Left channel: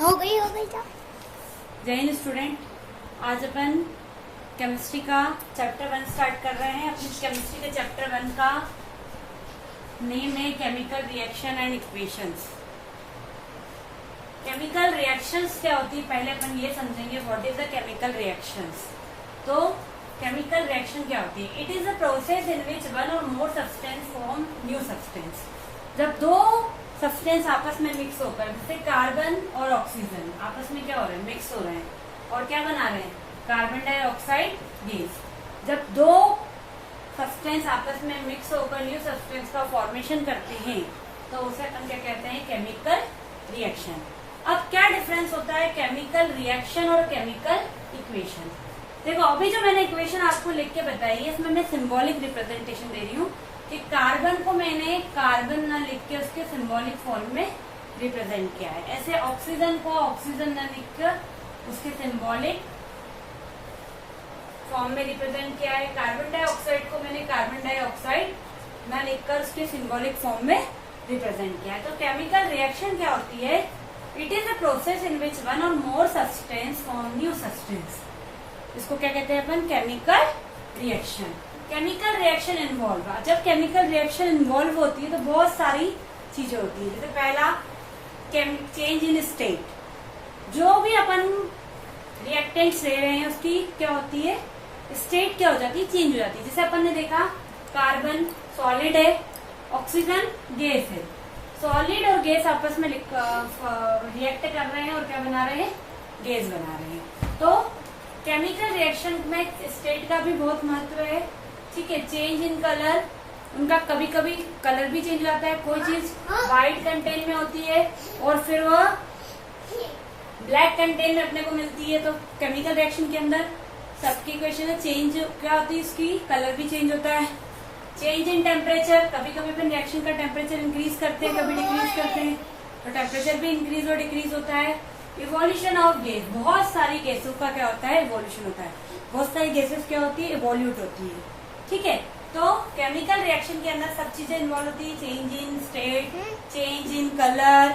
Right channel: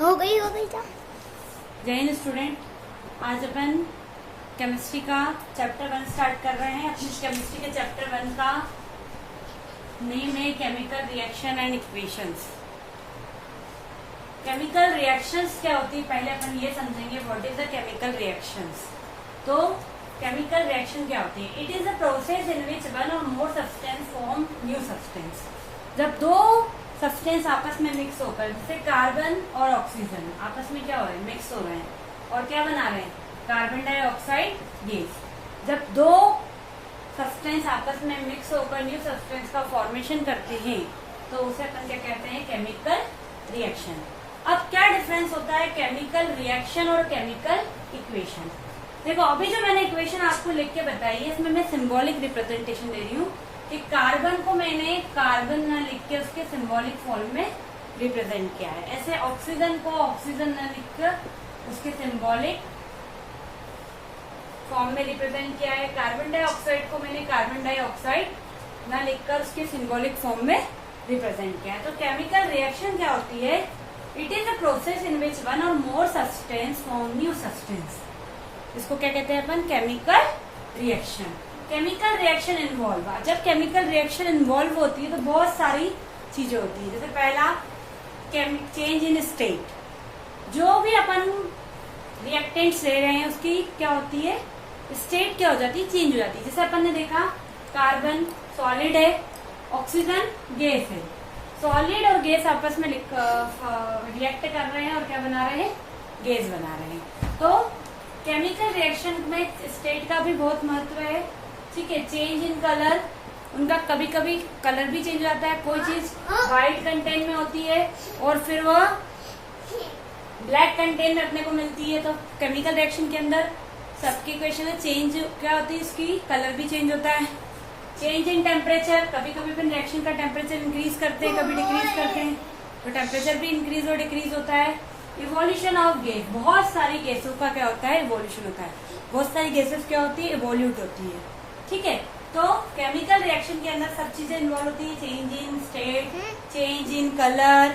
हो गई तो। जय हिंद स्टूडेंट, आज अपन केमिस्ट्री का चैप्टर 1 स्टार्ट कर रहे हैं। अपनी केमिस्ट्री के चैप्टर 1 का नेम है chemical reaction and equations. Chemical reactions क्या होती है, पहले अपन ये समझेंगे what is the chemical reactions. तो केमिकल रिएक्शन क्या होती है? It is a process in which one or more substance form new substance. जब दो सब्सटेंस आपस में मिक्स होकर, जैसे कार्बन और ऑक्सीजन आपस में क्या हो रहे हैं, मिक्स हो रहे हैं और क्या बना रहे हैं, कार्बन डाइऑक्साइड गैस। जब दो सब्सटेंस आपस में मिक्स होकर न्यू सब्सटेंस का फॉर्मेशन करते हैं तो उसे अपन क्या कहते हैं, केमिकल रिएक्शन। अब क्या डिफरेंस होता है केमिकल रिएक्शन और केमिकल इक्वेशन? देखो, अभी जो मैंने इक्वेशन आपको लिख के बताई है, इसमें मैं सिंबॉलिक रिप्रेजेंटेशन दे रही हूँ कि कार्बन को मैंने कार्बन ना लिख के उसके सिंबॉलिक फॉर्म में रिप्रेजेंट किया है। ऐसे ऑक्सीजन को ऑक्सीजन ना लिख कर उसके सिंबॉलिक फॉर्म में रिप्रेजेंट किया है। कार्बन डाइऑक्साइड को मैंने कार्बन डाइऑक्साइड ना लिखकर उसके सिंबॉलिक फॉर्म में रिप्रेजेंट किया है। तो केमिकल रिएक्शन क्या होती है? It is a process in which one or more substance form new substance. इसको क्या कहते हैं अपन? Chemical reaction. Chemical reaction involve, जब केमिकल रिएक्शन इन्वॉल्व होती है तो बहुत सारी चीजें होती है। जैसे पहला, चेंज इन स्टेट। जो भी अपन रिएक्टेंट्स ले रहे हैं उसकी क्या होती है, स्टेट क्या हो जाती है, चेंज हो जाती है। जैसे अपन ने देखा, कार्बन सॉलिड है, ऑक्सीजन गैस है। सॉलिड और गैस आपस में रिएक्ट कर रहे हैं और क्या बना रहे हैं, गैस बना रहे हैं। तो केमिकल रिएक्शन में स्टेट का भी बहुत महत्व है। ठीक है, चेंज इन कलर, उनका कभी कभी कलर भी चेंज हो जाता है। कोई चीज व्हाइट कंटेंट में होती है और फिर वो ब्लैक कंटेंट में अपने को मिलती है। तो केमिकल रिएक्शन के अंदर सबकी इक्वेशन है, चेंज क्या होती है, इसकी कलर भी चेंज होता है। चेंज इन टेम्परेचर, कभी कभी अपन रिएक्शन का टेम्परेचर इंक्रीज करते हैं, कभी डिक्रीज करते हैं, तो टेम्परेचर भी इंक्रीज और डिक्रीज होता है। इवोल्यूशन ऑफ गैस, बहुत सारी गैसों का क्या होता है, इवोल्यूशन होता है। बहुत सारी गैसेस क्या होती है, इवोल्यूट होती है। ठीक है, तो केमिकल रिएक्शन के अंदर सब चीजें इन्वॉल्व होती है। Change in state, change in colour,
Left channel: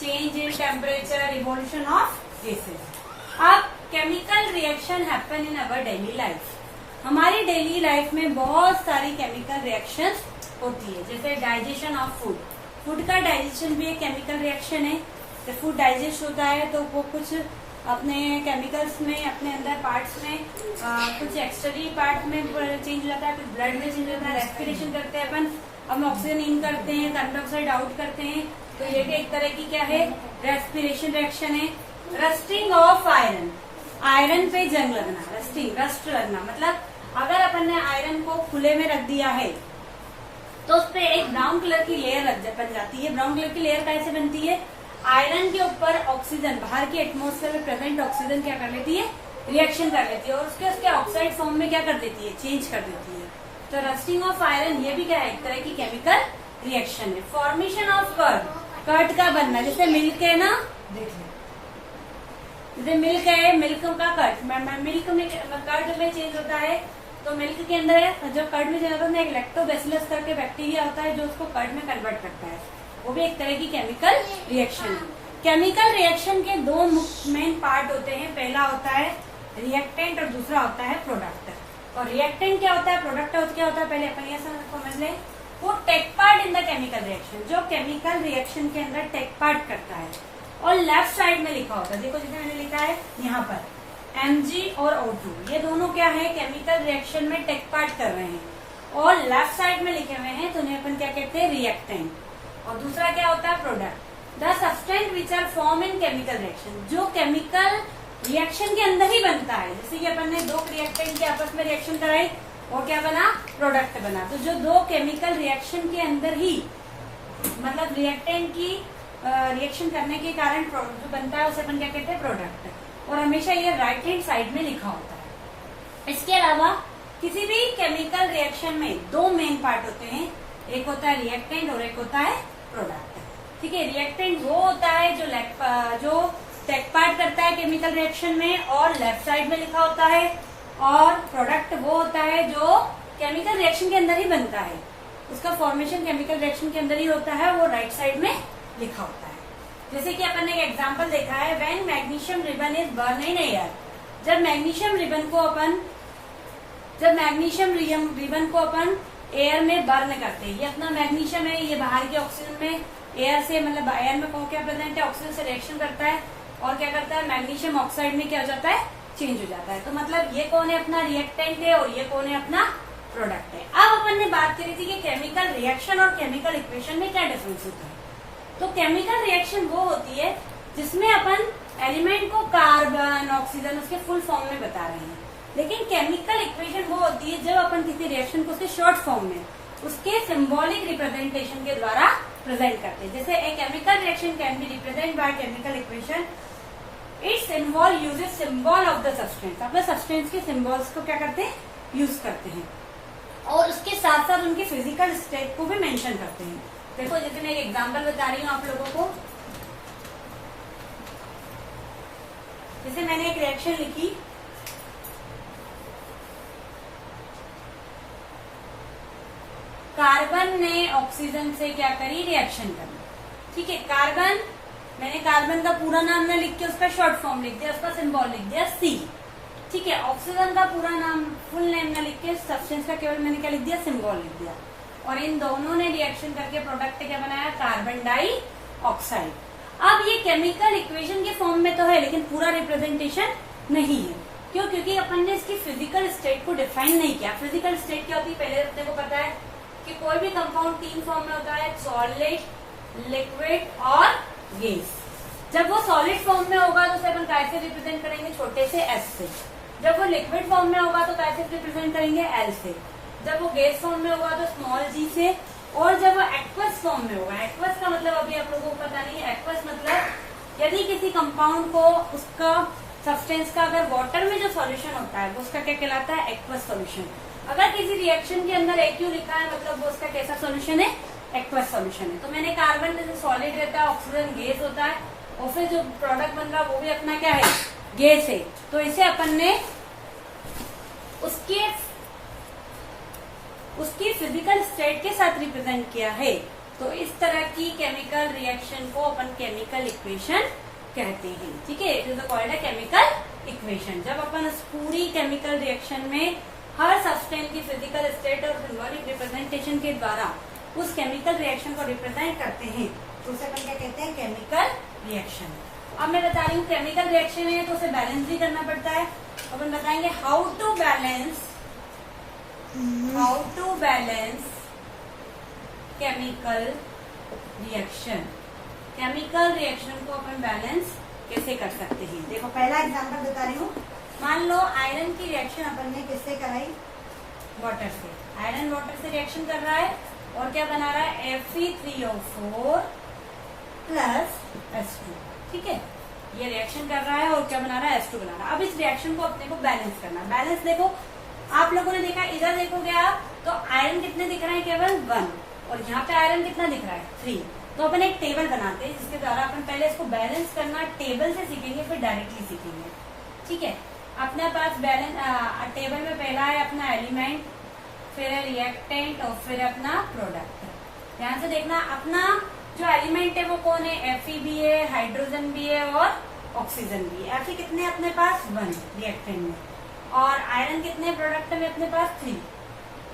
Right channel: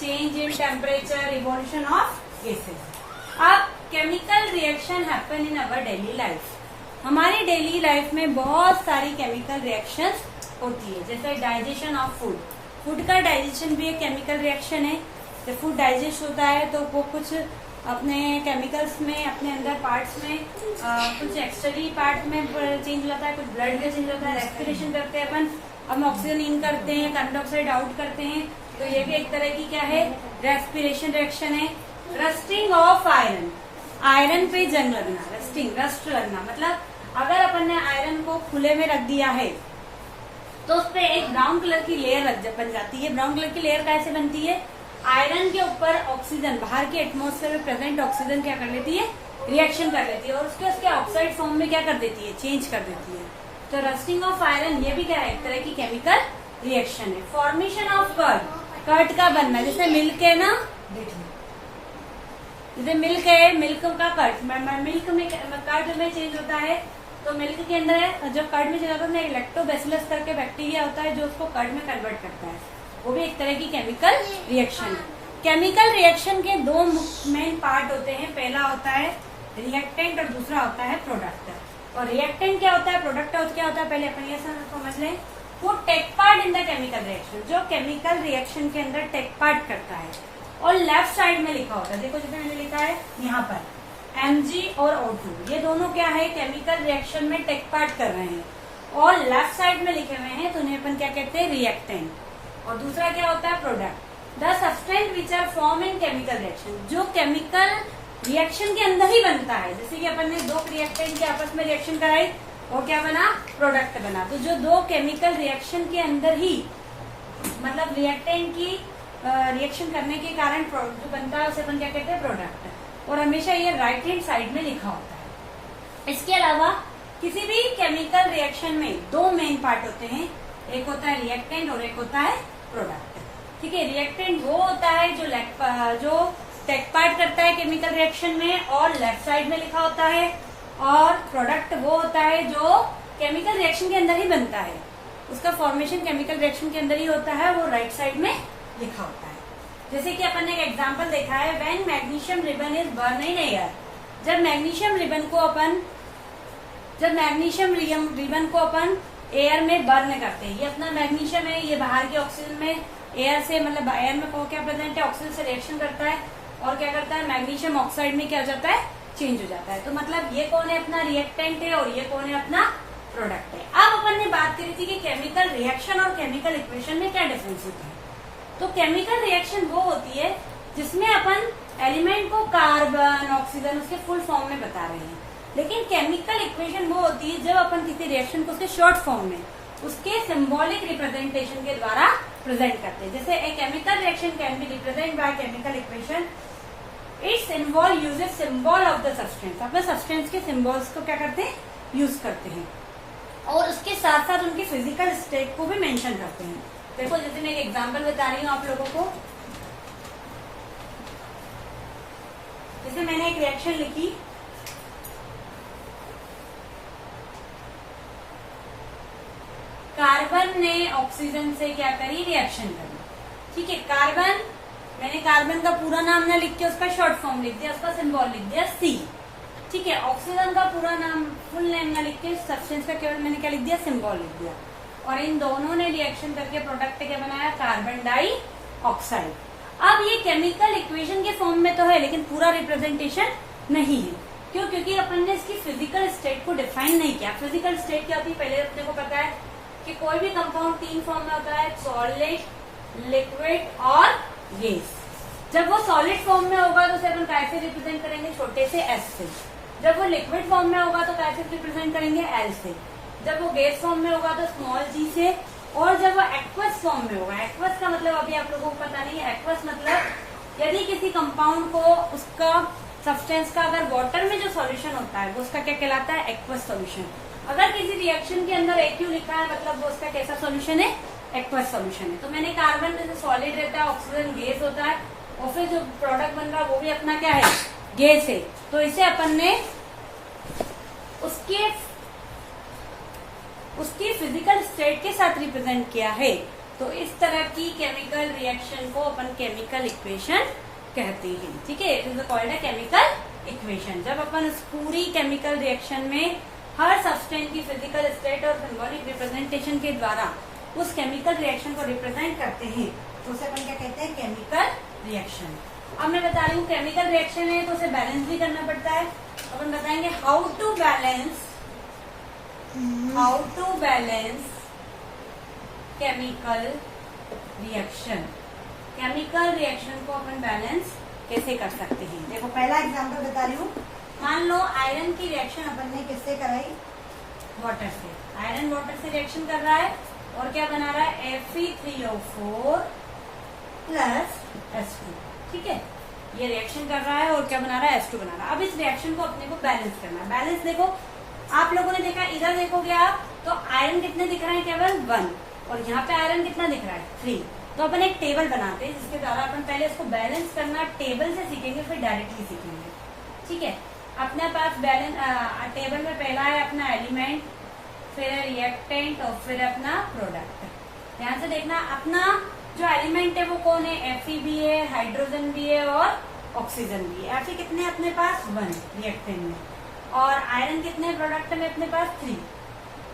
change in temperature, evolution of gases. अब chemical reaction happen in our daily life. हमारी डेली लाइफ में बहुत सारी केमिकल रिएक्शंस होती है। जैसे डाइजेशन ऑफ फूड, फूड का डाइजेशन भी एक केमिकल रिएक्शन है। जब फूड डाइजेस्ट होता है तो वो कुछ अपने केमिकल्स में, अपने अंदर पार्ट्स में कुछ एक्सटर्नल पार्ट में चेंज हो जाता है, कुछ ब्लड में चेंज होता है। रेस्पिरेशन करते हैं अपन ऑक्सीजन इन करते हैं, कार्बन डाइऑक्साइड आउट करते हैं, तो ये भी एक तरह की क्या है, रेस्पिरेशन रिएक्शन है। रस्टिंग ऑफ आयरन, आयरन पे जंग लगना, रस्टिंग, रस्ट लगना, मतलब अगर अपन ने आयरन को खुले में रख दिया है तो उस पर एक ब्राउन कलर की लेयर बन जाती है। ब्राउन कलर की लेयर कैसे बनती है? आयरन के ऊपर ऑक्सीजन, बाहर के एटमॉस्फेयर में प्रेजेंट ऑक्सीजन क्या कर लेती है, रिएक्शन कर लेती है और उसके ऑक्साइड फॉर्म में क्या कर देती है, चेंज कर देती है। तो रस्टिंग ऑफ आयरन ये भी क्या है, एक तरह की केमिकल रिएक्शन है। फॉर्मेशन ऑफ कर्ड, कर्ड का बनना, जैसे मिल्क है ना, जैसे मिल्क है, मिल्क का कर्ड, मिल्क में कर्ड में चेंज होता है। तो मिल्क के अंदर जो कर्ड में चेंज होता है, एक लैक्टोबैसिलस करके बैक्टीरिया होता है जो उसको कर्ड में कन्वर्ट करता है, वो भी एक तरह की केमिकल रिएक्शन है। केमिकल रिएक्शन के दो मेन पार्ट होते हैं, पहला होता है रिएक्टेंट और दूसरा होता है प्रोडक्ट। और रिएक्टेंट क्या होता है, प्रोडक्ट क्या होता है, पहले अपन ये समझ लें। वो take part in the chemical reaction, जो केमिकल रिएक्शन के अंदर टेक पार्ट करता है। और लेफ्ट साइड में लिखा होता है, देखो जैसे मैंने लिखा है यहाँ पर Mg और O2, ये दोनों क्या है, केमिकल रिएक्शन में टेक पार्ट कर रहे हैं और लेफ्ट साइड में लिखे हुए हैं, तो उन्हें अपन क्या कहते हैं, रिएक्टेंट। और दूसरा क्या होता है, product. The substance which are form in chemical reaction, जो केमिकल रिएक्शन के अंदर ही बनता है। जैसे कि अपन ने दो रिएक्टेंट के आपस में रिएक्शन कराई, वो क्या बना, प्रोडक्ट बना। तो जो दो केमिकल रिएक्शन के अंदर ही, मतलब रिएक्टेंट की रिएक्शन करने के कारण जो बनता है उसे अपन क्या कहते हैं, प्रोडक्ट। और हमेशा ये राइट हैंड साइड में लिखा होता है। इसके अलावा किसी भी केमिकल रिएक्शन में दो मेन पार्ट होते हैं, एक होता है रिएक्टेंट और एक होता है प्रोडक्ट। ठीक है, रिएक्टेंट वो होता है जो टेक पार्ट करता है केमिकल रिएक्शन में और लेफ्ट साइड में लिखा होता है, और प्रोडक्ट वो होता है जो केमिकल रिएक्शन के अंदर ही बनता है, उसका फॉर्मेशन केमिकल रिएक्शन के अंदर ही होता है, वो राइट साइड में लिखा होता है। जैसे कि अपन ने एक एग्जांपल देखा है, when magnesium ribbon is burn in air. जब मैग्नीशियम रिबन को अपन एयर में बर्न करते हैं, ये अपना मैग्नीशियम है, ये बाहर के ऑक्सीजन में एयर से मतलब एयर में क्या प्रेजेंट है, ऑक्सीजन से रिएक्शन करता है और क्या करता है, मैग्नीशियम ऑक्साइड में क्या हो जाता है, चेंज हो जाता है। तो मतलब ये कौन है, अपना रिएक्टेंट है और ये कौन है, अपना प्रोडक्ट है। अब अपन ने बात करी थी कि केमिकल रिएक्शन और केमिकल इक्वेशन में क्या डिफरेंस है। तो केमिकल रिएक्शन वो होती है जिसमें अपन एलिमेंट को कार्बन, ऑक्सीजन उसके फुल फॉर्म में बता रहे हैं, लेकिन केमिकल इक्वेशन वो होती है जब अपन किसी रिएक्शन को उसके शॉर्ट फॉर्म में उसके सिंबॉलिक रिप्रेजेंटेशन के द्वारा प्रेजेंट करते हैं। जैसे a chemical reaction can be represent by chemical equation, it's involve uses symbol of the substance. अपने सब्सटेंस के सिंबल्स को क्या करते हैं, यूज करते हैं और उसके साथ साथ उनकी फिजिकल स्टेट को भी मेंशन करते हैं। देखो जैसे मैं एक एग्जांपल बता रही हूँ आप लोगों को, जैसे मैंने एक रिएक्शन लिखी, कार्बन ने ऑक्सीजन से क्या करी, रिएक्शन करी। ठीक है, कार्बन, मैंने कार्बन का पूरा नाम न लिख के उसका शॉर्ट फॉर्म लिख दिया, उसका सिंबल लिख दिया C। ठीक है, ऑक्सीजन का पूरा नाम फुल नेम न लिख के सब्सटेंस का केवल मैंने क्या लिख दिया, सिंबल लिख दिया, और इन दोनों ने रिएक्शन करके प्रोडक्ट क्या बनाया, कार्बन डाई ऑक्साइड। अब ये केमिकल इक्वेशन के फॉर्म में तो है लेकिन पूरा रिप्रेजेंटेशन नहीं है। क्यों? क्योंकि अपन ने इसकी फिजिकल स्टेट को डिफाइन नहीं किया। फिजिकल स्टेट क्या होती है, पहले अपने को पता है कि कोई भी कंपाउंड 3 फॉर्म में होता है, सॉलिड, लिक्विड और गैस। जब वो सॉलिड फॉर्म में होगा तो उसे अपन कैसे रिप्रेजेंट करेंगे, छोटे से S से। जब वो लिक्विड फॉर्म में होगा तो कैसे रिप्रेजेंट करेंगे, L से। जब वो गैस फॉर्म में होगा तो स्मॉल g से। और जब वो एक्वस फॉर्म में होगा, एक्वस का मतलब अभी आप लोगों को पता नहीं है, एक्वस मतलब यदि किसी कंपाउंड को उसका सब्सटेंस का अगर वाटर में जो सॉल्यूशन होता है वो उसका क्या कहलाता है, एक्वस सॉल्यूशन। अगर किसी रिएक्शन के अंदर एक्यू लिखा है मतलब वो उसका कैसा सॉल्यूशन है, एक्वस सॉल्यूशन है। तो मैंने कार्बन में से सॉलिड रहता है, ऑक्सीजन गैस होता है और फिर जो प्रोडक्ट बन रहा है वो भी अपना क्या है, गैस है। तो इसे अपन ने उसकी फिजिकल स्टेट के साथ रिप्रेजेंट किया है। तो इस तरह की केमिकल रिएक्शन को अपन केमिकल इक्वेशन कहते हैं। ठीक है, इट इज कॉल्ड है केमिकल इक्वेशन। जब अपन उस पूरी केमिकल रिएक्शन में हर सब्सटेंस की फिजिकल स्टेट और सिंबॉलिक रिप्रेजेंटेशन के द्वारा उस केमिकल रिएक्शन को रिप्रेजेंट करते हैं तो उसे अपन क्या कहते हैं, केमिकल रिएक्शन। अब मैं बता रही हूँ केमिकल रिएक्शन है तो उसे बैलेंस भी करना पड़ता है। अपन बताएंगे how to balance chemical reaction. Chemical reaction को अपन बैलेंस कैसे कर सकते हैं। देखो पहला एग्जांपल बता रही हूँ, मान लो आयरन की रिएक्शन अपन ने किससे कराई, वाटर से। आयरन वाटर से रिएक्शन कर रहा है और क्या बना रहा है, Fe3O4 प्लस H2। ठीक है, ये रिएक्शन कर रहा है और क्या बना रहा है, H2 बना रहा है। अब इस रिएक्शन को अपने को बैलेंस करना है। बैलेंस देखो आप लोगों ने देखा, इधर देखोगे आप तो आयरन कितने दिख रहे हैं, केवल 1, और यहाँ पे आयरन कितना दिख रहा है, 3। तो अपन एक टेबल बनाते हैं जिसके द्वारा अपन पहले इसको बैलेंस करना टेबल से सीखेंगे फिर डायरेक्टली सीखेंगे। ठीक है, अपने पास बैलेंस टेबल में पहला है अपना एलिमेंट, फिर है रिएक्टेंट और फिर अपना प्रोडक्ट। ध्यान से देखना, अपना जो एलिमेंट है वो कौन है, Fe भी है, हाइड्रोजन भी है और ऑक्सीजन भी है। Fe कितने हैं अपने पास, 1 रिएक्टेंट में, और आयरन कितने प्रोडक्ट में अपने पास, 3।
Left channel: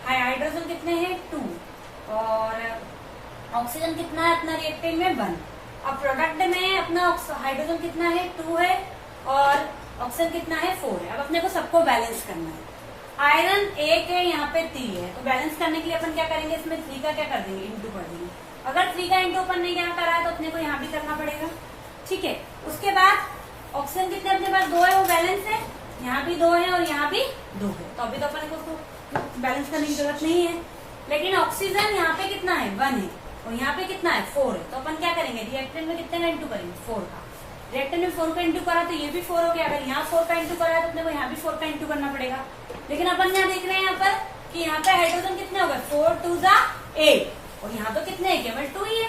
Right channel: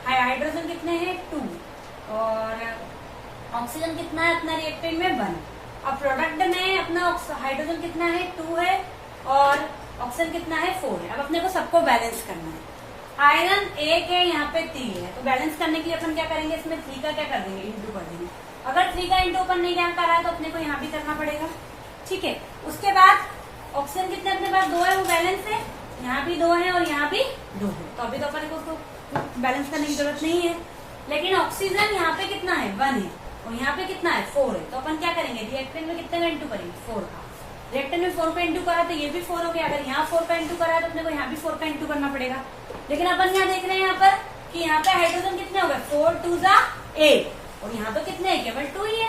हाइड्रोजन कितने हैं, 2, और ऑक्सीजन कितना है अपना रिएक्टेंट में, 1। अब प्रोडक्ट में अपना हाइड्रोजन कितना है, 2 है, और ऑक्सीजन कितना है, 4 है। अब अपने को सबको बैलेंस करना है। आयरन 1 है, यहाँ पे 3 है, तो बैलेंस करने के लिए अपन क्या करेंगे, इसमें 3 का क्या कर देंगे, इंटू कर देंगे। अगर 3 का इंटू अपन ने यहाँ करा है तो अपने को यहाँ भी करना पड़ेगा। ठीक है, उसके बाद ऑक्सीजन कितने अपने पास, 2 है, वो बैलेंस है, यहाँ भी 2 है और यहाँ भी 2 है, तो अभी तो अपन को उसको बैलेंस करने की जरूरत नहीं है। लेकिन ऑक्सीजन यहाँ पे कितना है, 1 है, और यहाँ पे कितना है, 4 है, तो अपन क्या करेंगे, रिएक्टेंट में कितने का इंटू करेंगे, 4 का। रिएक्टेंट में 4 का इंटू करा तो ये भी 4 हो गया। अगर यहाँ 4 का इंटू करा है तो अपने को यहाँ भी 4 का इंटू करना पड़ेगा। लेकिन अपन यहाँ देख रहे हैं यहाँ पर कि यहाँ पे हाइड्रोजन कितने हो गए, 4 2 8, और यहाँ तो कितने है, केवल 2 ही है,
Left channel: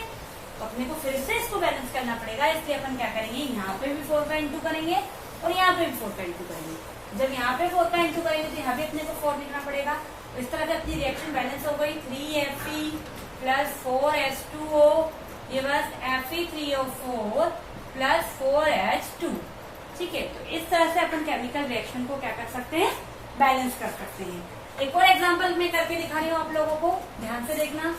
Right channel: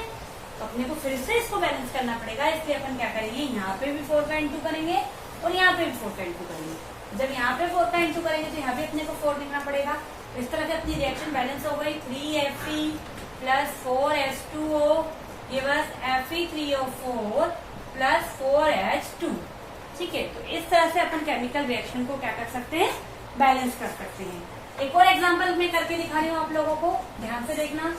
तो अपने को फिर से इसको बैलेंस करना पड़ेगा। इसलिए अपन क्या करेंगे, यहाँ पे भी 4 का इंटू करेंगे और यहाँ पे भी 4 का इंटू करेंगे। जब यहाँ पे 4 का इंटू करेंगे तो यहाँ भी अपने को 4 लिखना पड़ेगा। इस तरह से अपनी रिएक्शन बैलेंस हो गई। 3Fe प्लस 4H2O ये बस Fe3O4 प्लस 4H2। ठीक है, तो इस तरह से अपन केमिकल रिएक्शन को क्या कर सकते हैं, बैलेंस कर सकते हैं। एक और एग्जांपल मैं करके दिखा रही हूँ आप लोगों को, ध्यान से देखना।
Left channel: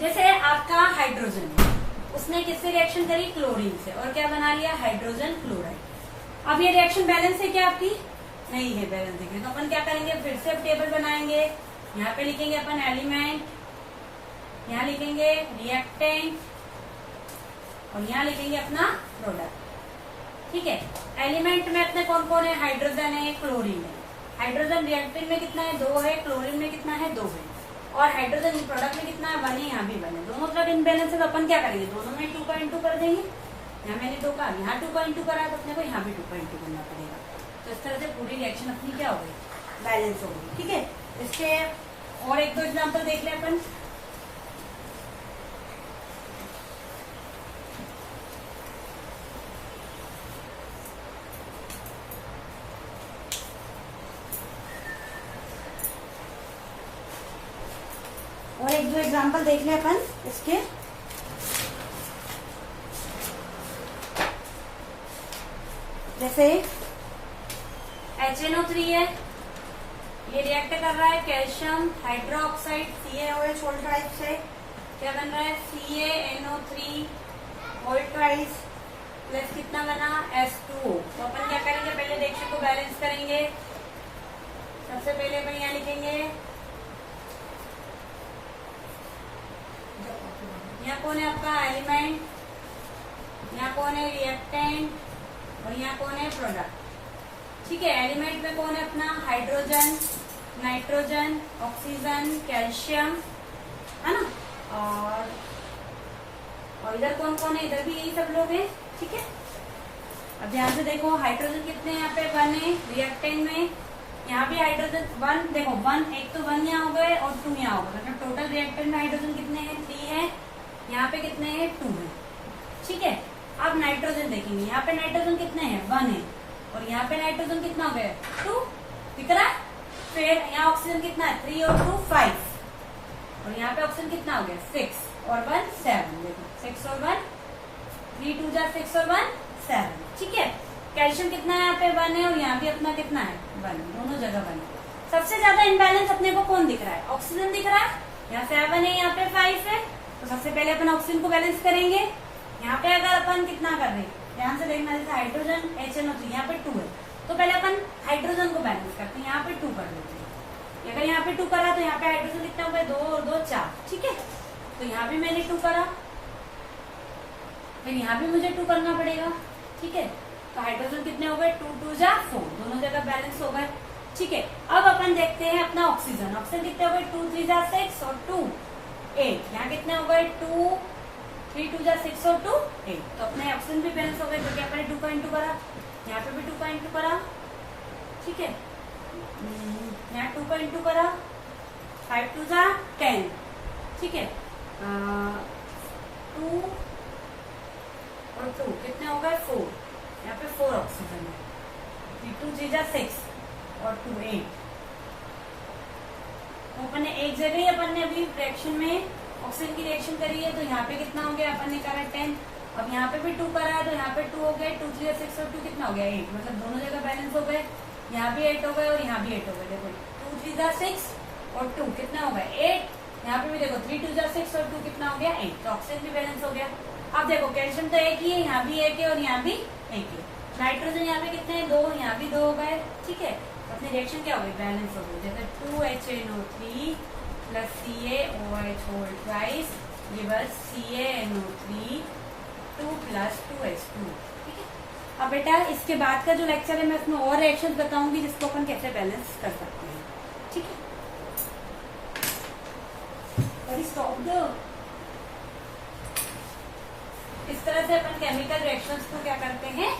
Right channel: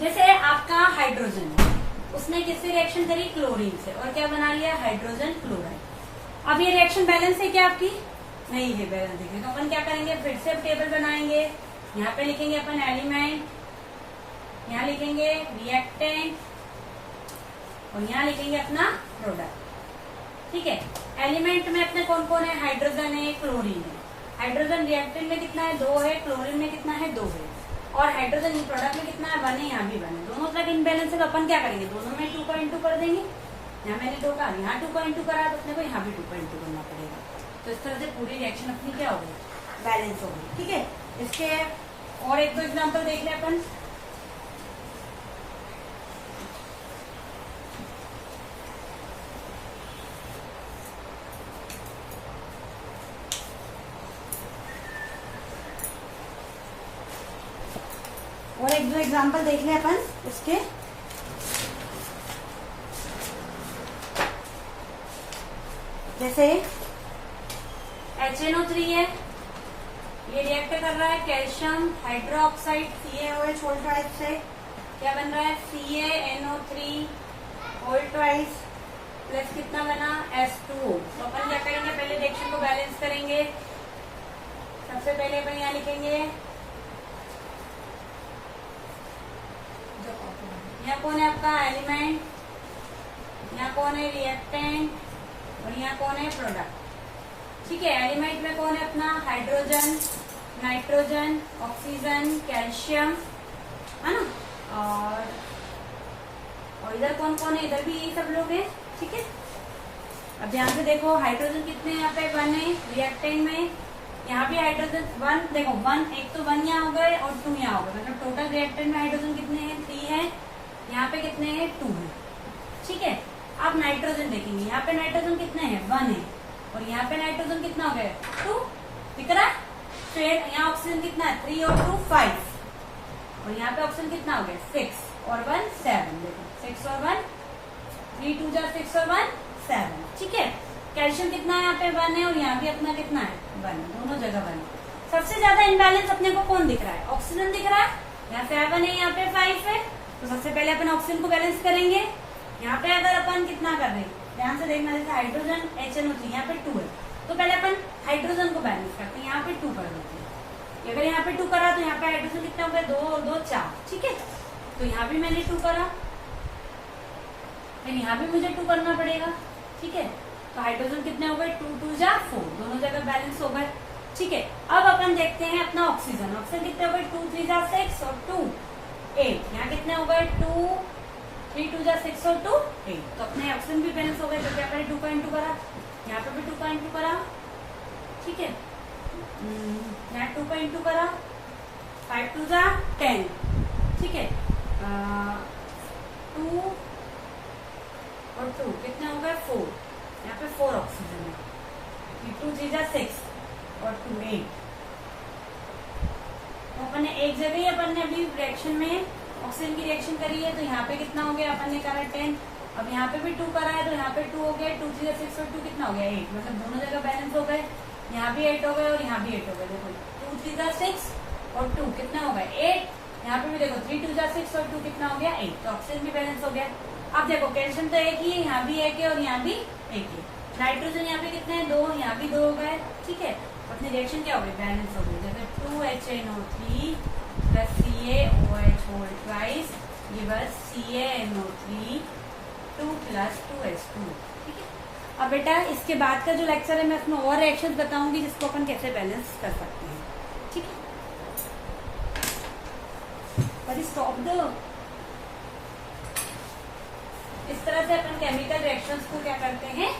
जैसे आपका हाइड्रोजन है, उसने किससे रिएक्शन करी, क्लोरीन से, और क्या बना लिया, हाइड्रोजन क्लोराइड। अब ये रिएक्शन बैलेंस है क्या आपकी, नहीं है बैलेंस है, तो अपन क्या करेंगे, फिर से अब टेबल बनाएंगे। यहाँ पे लिखेंगे अपन एलिमेंट, यहाँ लिखेंगे रिएक्टेंट, और यहाँ लिखेंगे अपना प्रोडक्ट। ठीक है, एलिमेंट में अपने कौन कौन है, हाइड्रोजन है, क्लोरीन है। हाइड्रोजन रिएक्टेंट में कितना है, 2 है, क्लोरीन में कितना है, 2 है, और हाइड्रोजन प्रोडक्ट में कितना है, 1 है, यहाँ भी 1 है। दोनों तरफ इनबैलेंस है, तो अपन क्या करेंगे, दोनों में 2 का इंटू कर देंगे। यहाँ मैंने 2 का, यहाँ 2 का इंटू करा, तो अपने को यहाँ भी 2 का इंटू करना पड़ेगा। तो इस तरह से पूरी रिएक्शन अपनी क्या हो गई, बैलेंस हो गई। ठीक है, इसके और एक दो एग्जाम्पल देख ले अपन। और एक दो एग्जाम्पल देख ले अपन इसके। जैसे HNO3 है, ये रिएक्ट कर रहा है calcium hydroxide CaOH whole twice से, क्या बन रहा है, CaNO3 होल ट्वाइस प्लस कितना बना, H2O। तो अपन क्या करेंगे, पहले रिएक्शन को बैलेंस करेंगे। सबसे पहले अपन यहाँ लिखेंगे, यहाँ कौन है आपका एलिमेंट, यहाँ कौन है रिएक्टेंट, और यहाँ कौन है प्रोडक्ट। ठीक है, एलिमेंट में कौन है अपना, हाइड्रोजन, नाइट्रोजन, ऑक्सीजन, कैल्शियम, है ना, और इधर कौन कौन है, इधर भी यही सब लोग हैं। ठीक है, अब ध्यान से देखो, हाइड्रोजन कितने यहाँ पे, 1 है रिएक्टेंट में, यहाँ भी हाइड्रोजन 1, देखो 1, एक तो 1 यहाँ हो गए और 2 यहाँ हो गए, मतलब टोटल रिएक्टेंट में हाइड्रोजन कितने हैं, 3 है, यहाँ पे कितने हैं, 2 है। ठीक है, अब नाइट्रोजन देखेंगे, यहाँ पे नाइट्रोजन कितने हैं, 1 है, और यहाँ पे नाइट्रोजन कितना हो गया, 2, दिख रहा है। फिर यहाँ ऑक्सीजन कितना है, 3 और 2 5, और यहाँ पे ऑक्सीजन कितना हो गया, 6 और 1 7, देखो 6 और 1, 3 2 जा 6 और 1 7। ठीक है, कैल्शियम कितना है, यहाँ पे 1 है, और यहाँ भी अपना कितना है, 1, दोनों जगह 1। सबसे ज्यादा इनबैलेंस अपने को कौन दिख रहा है, ऑक्सीजन दिख रहा है, यहाँ 7 है, यहाँ पे 5 है। तो सबसे पहले अपन ऑक्सीजन को बैलेंस करेंगे। यहाँ पे अगर अपन कितना कर रहे हैं, ध्यान से देखना, जैसे हाइड्रोजन HNO3 यहाँ पे 2 है, तो पहले अपन हाइड्रोजन को बैलेंस करते हैं, यहाँ पे 2 कर देते हैं। अगर यहाँ पे 2 करा तो यहाँ पे हाइड्रोजन कितना हो गया, 2 और 2 4। ठीक है, तो यहाँ भी मैंने 2 करा, फिर यहाँ भी मुझे 2 करना पड़ेगा। ठीक है, तो हाइड्रोजन कितने हो गए, 2 2 जा 4, दोनों जगह बैलेंस हो गए। ठीक है, अब अपन देखते हैं अपना ऑक्सीजन, ऑक्सीजन कितने हो गए, 2 3 जा 6 और 2 8, यहाँ कितने हो गए, 2 3 2 जा 6 और 2 8। तो अपने ऑक्सीजन भी बैलेंस हो गए, तो क्या करें, 2 का इंटू करा, यहाँ पे भी 2 का इंटू करा। ठीक है, यहाँ 2 का इंटू करा, 5 2 जा 10। ठीक है, 2 और 2 कितने हो गए, 4, यहाँ पे 4 ऑक्सीजन है, 2 3 जा 6 और 2 8। तो अपन ने एक जगह ही अपन ने अभी रिएक्शन में ऑक्सीजन की रिएक्शन करी है, तो यहाँ पे कितना हो गया, अपन ने करा 10, अब यहाँ पे भी 2 करा है, तो यहाँ पे 2 हो गए, 2 3 6 और 2 कितना हो गया, 8, मतलब दोनों जगह बैलेंस हो गए। यहाँ भी 8 हो गए और यहाँ भी 8 हो गए, देखो 2 3 6 और 2 कितना हो गया, 8, यहाँ पे भी देखो 3 2 6 और 2 कितना हो गया, 8, तो ऑक्सीजन भी बैलेंस हो गया। अब देखो कैल्शियम तो एक ही है, यहाँ भी एक है और यहाँ भी एक है। नाइट्रोजन यहाँ पे कितने हैं, 2, यहाँ भी 2 हो गए। ठीक है, अपनी रिएक्शन क्या हो गई, बैलेंस हो गई। जैसे 2HNO3 plus CaOH whole twice, ये बस CaNO3 2 प्लस 2H2। ठीक है, अब बेटा इसके बाद का जो लेक्चर है मैं इसमें और रिएक्शन बताऊंगी जिसको अपन कैसे बैलेंस कर सकते हैं। ठीक है, स्टॉप दो। इस तरह से अपन केमिकल रिएक्शंस को क्या करते हैं,